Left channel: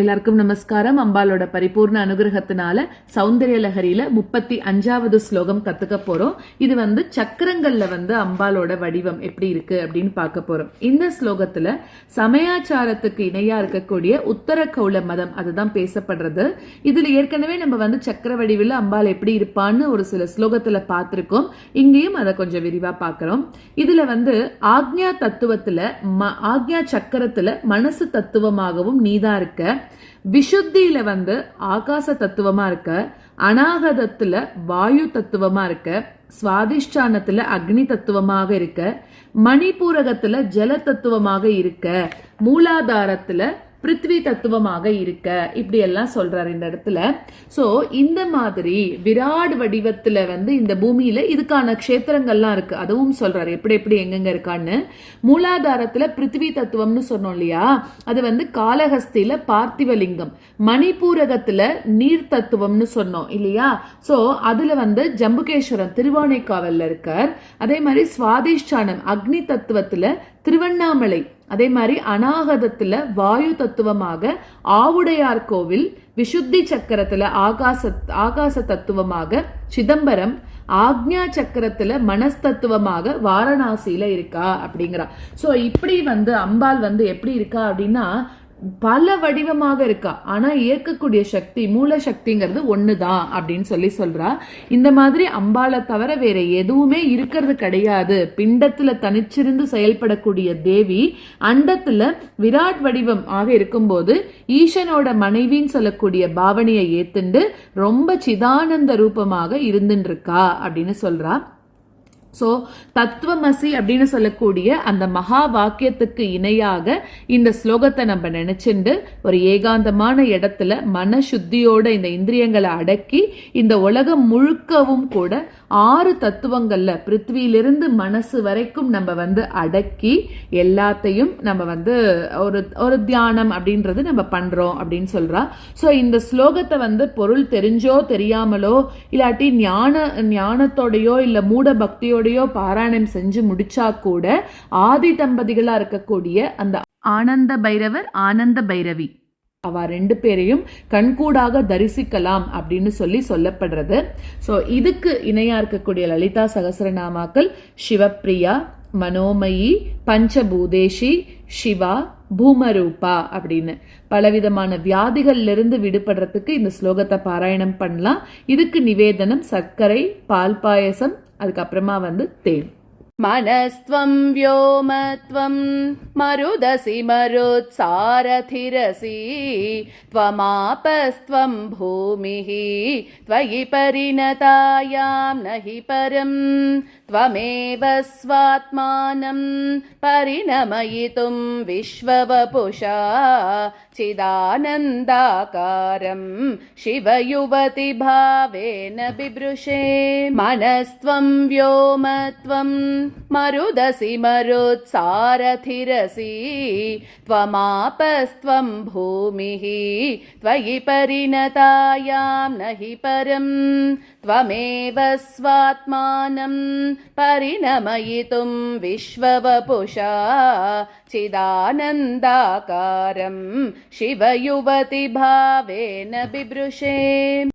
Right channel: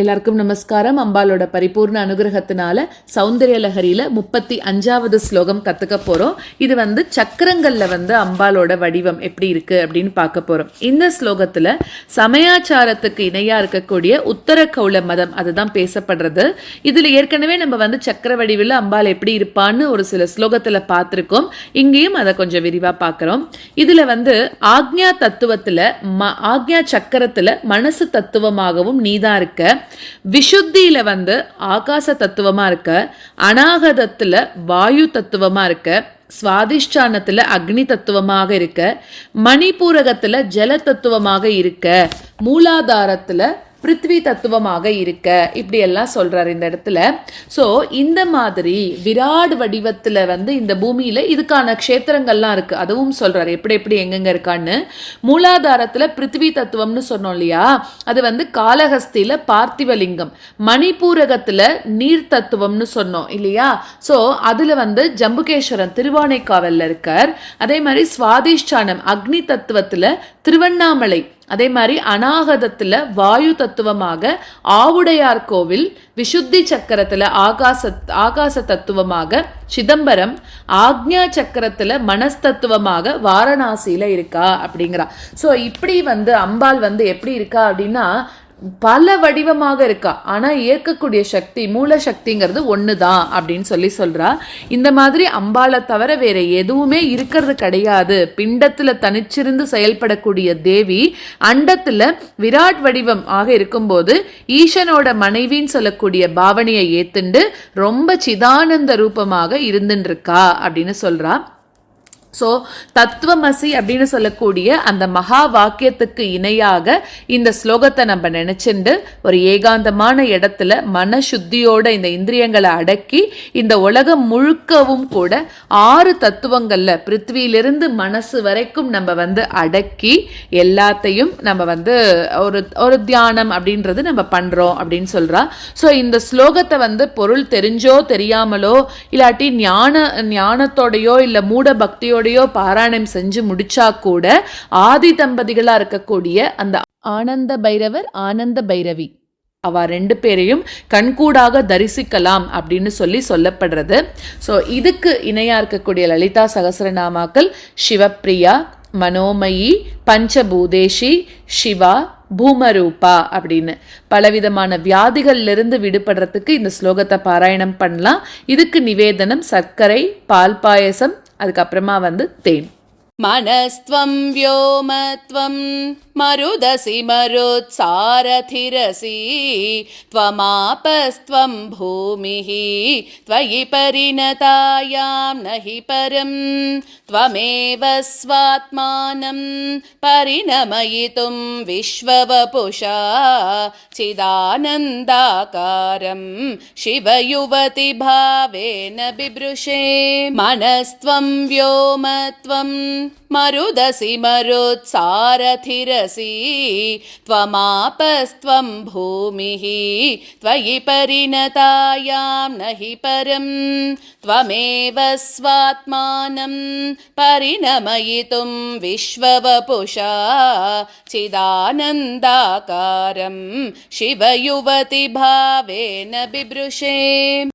எல்லாருக்கும் நமஸ்காரம். அம்பாலோட பரிபூர்ண அனுகிரகத்தினால சௌந்தர்ய லஹரியில 35வது ஸ்லோகம் கத்துக்க போறோம். இது சக்கரங்கள்ல அம்பாலோட வடிவம் எப்படி இருக்கு அப்படின்னு பார்க்க போறோம். இந்த ஸ்லோகத்துல சமயாச்சாரத்துக்கு இணையா இருக்கக்கூடிய உத்தர கௌல மதம் அதுதான் பேசப்படுறது. இதுல ஏற்கனவே நம்ம சக்கர வடிவில் அம்பாள் எப்படி இருப்பான்னு ஒரு சில ஸ்லோகத்துல பார்த்திருக்கோம். இங்கேயும் அதை கொஞ்சம் விரிவா பார்க்கிறோம். இதுல ஆக்ஞா தத்துவத்துல ஆக்ஞா சக்கரத்துல மனசு தத்துவமாகவும் நீதான் இருக்க, விஷுத்தியில ஆகாச தத்துவமா இருக்க, அநாகதத்துல வாயு தத்துவமா இருக்க, சுவாதிஷ்டானத்துல அக்னி தத்துவமாக இருக்க, மணிபூரகத்துல ஜல தத்துவமாக இருக்க, மூலாதாரத்துல பிருத்வி தத்துவமாக இருக்க, இப்படி எல்லாம் சொல்றாரு இந்த இடத்துல. ஸோ இந்த மாதிரி விராட் வடிவத்துல இந்த பூமியில இதுக்கான க்ஷேத்திரங்கள்லாம் இருக்கு, அதுவும் சொல்றாரு எப்படி எப்படி எங்கெங்க இருக்கான்னு. மூலாதாரத்துல பிருத்வி தத்துவம்னு சொன்னோம் இல்லையா, அது காளஹஸ்தியில பார்த்திவலிங்கம், மணிபூரகத்துல நீர் தத்துவம்னு சொன்னோம் இல்லையா. ஸோ அதுல ஜம்புகேஸ்வரன் திருவானைக்காவல்ல இருக்கார். அதே மாதிரி சுவாதிஷ்டானம் அக்னி தத்துவத்துல திருவண்ணாமலை, அதே மாதிரி அநாகதத்துல வாயு தத்துவமாக ஆவுடையார் கோவில், விஷுத்தி சக்கரத்துல ஆகாச தத்துவமாக சிதம்பரம், ஆக்ஞா சக்கரத்துல மனஸ்தத்துவமாக வாரணாசியில இருக்கா அப்படிங்கிறா. ஸோ இப்படி அம்பாள் எப்படி இருக்கா அப்படின்னா பல வடிவமாக இருக்கா, ஆனா இயக்கக்கூடிய சக்தி மூல சக்திங்கிறது ஒண்ணுதான் அப்படின்னு சொல்றா. இந்த மாதிரி அம்பாளை தவிர வேற எதுவுமே இருக்கிறது கிடையாது. பிண்டத்துல தனிச்சிருந்து செயல்படக்கூடிய தேவி அண்டத்துல விராட் வடிவம் ஆக இருக்கும்போது ஈசனோட மனைவின்னு சொல்லக்கூடிய பாவனையை ஏத்துண்டு ரொம்ப சிதானந்த ரூபமாக இருந்துட்டு இருக்கா அப்படின்னு சொல்றா. ஸோ தத்துவமசி அப்படின்னு சொல்லக்கூடிய அந்த மகா வாக்கியத்துக்கு இணையாக இந்த ஸ்லோகத்தை நம்ம நினைச்சுண்டு ஒரு ஏகாந்தமான இடத்துல மன சுத்தியோட இந்த இந்திரியங்களை அடக்கி இந்த உலகம் முழுக்கவும் கூட 6 தத்துவங்கள்ல பிருத்வியிலிருந்து மனசு வரைக்கும் நம்ம அடக்கி எல்லாத்தையும் நம்ம ஒரு தியானம் அப்படின்றது நம்ம பண்றோம் அப்படின்னு சொல்றா. ஸோ இந்த ஸ்லோகத்தை பொருள் தெரிஞ்சோ தெரியாமலோ இல்லாட்டி ஞானத்தோடையோ இல்ல மூட பக்தியோட பாராயணம் செஞ்சு முடிச்சா கூட ஆதி தம்பதிகளா இருக்கக்கூடிய அந்த ஆனந்த பைரவர் ஆனந்த பைரவி அவ 2 பேரையும் கண்கூடாக தரிசிக்கலாம் அப்படின்னு சொல்லப்படுறது. ஸோ இதுக்கு இணையா இருக்கக்கூடிய லலிதா சகஸ்ரநாமாக்கள் சிவப்பிரியா, மனோமயி, பஞ்சபூதேஷி, சிவா, பூமரூபா அப்படின்னு பலவிதமான வியாதிகள்ல இருந்து விடுபடுறதுக்கு இந்த ஸ்லோகத்தை பாராயணம் பண்ணலாம். இதுக்கு நிவேதனம் சர்க்கரை, பால் பாயசம், அதுக்கப்புறமா தேன். மனஸ்த்வம் வ்யோமத்வம் மருதசி மருத்சாரதிரசி த்வமாபஸ்த்வம் பூமிஹி த்வயி பரிணதாயாம் நஹி பரம் த்வமேவ ஸ்வாத்மானம் பரிணமயிதும் விஸ்வவபுஷா சிதானந்தாகாரம் சிவயுவதி பாவேன பிப்ருஷே. மனஸ்த்வம் வ்யோமத்வம் மருதசி மருத்சாரதிரசி த்வமாபஸ்த்வம் பூமிஹி த்வயி பரிணதாயாம் நஹி பரம் த்வமேவ ஸ்வாத்மானம் பரிணமயிதும் விஸ்வவபுஷா சிதானந்தாகாரம் சிவயுவதி பாவேன பிப்ருஷே.